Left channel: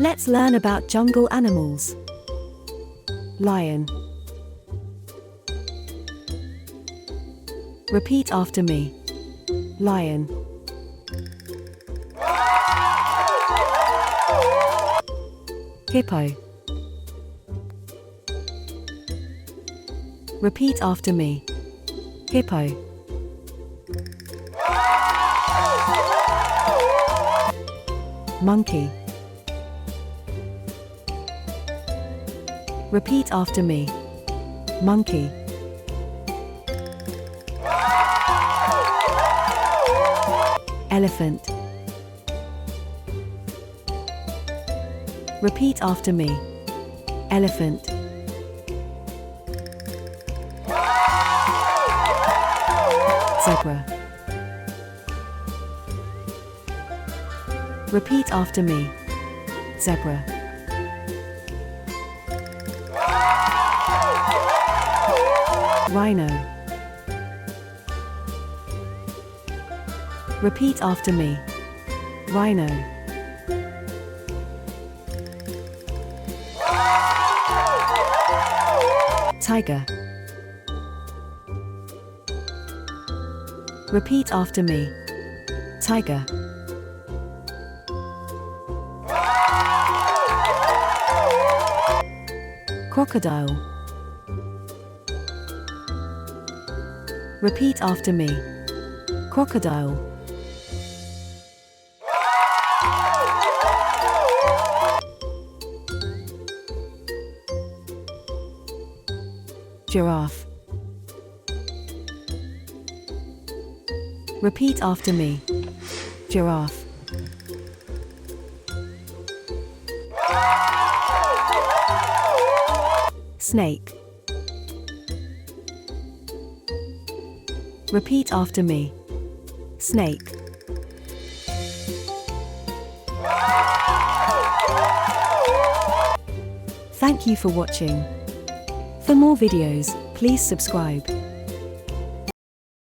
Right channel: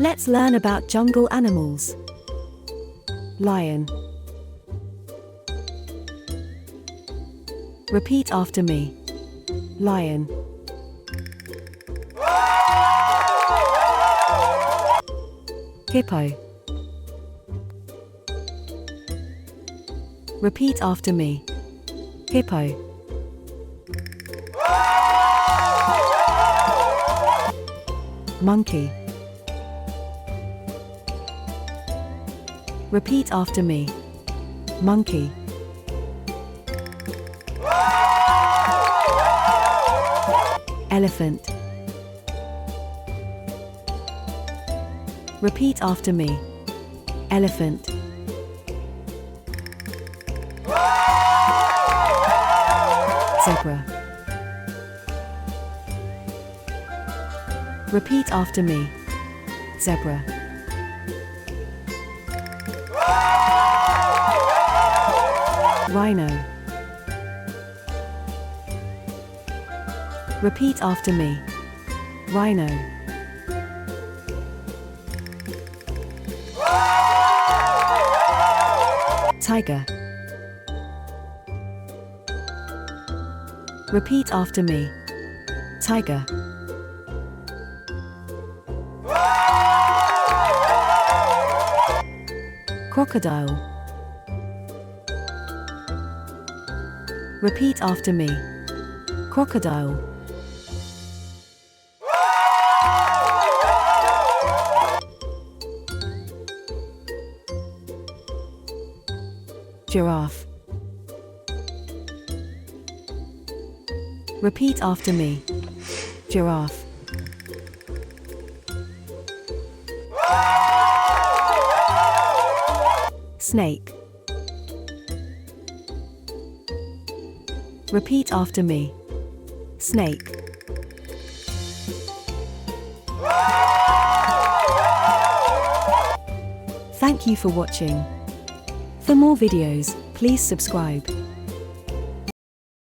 Let's learn about jungle animals. Lion. Repeat after me. Lion. Hippo. Repeat after me. Hippo. Monkey. Repeat after me. Monkey. Elephant. Repeat after me. Elephant. Zebra. Repeat after me. Zebra. Rhino. Repeat after me. Rhino. Tiger. Repeat after me. Tiger. Crocodile. Repeat after me. Crocodile. Giraffe. Repeat after me. Giraffe. Snake. Repeat after me. Snake. Thank you for watching. For more videos, please subscribe.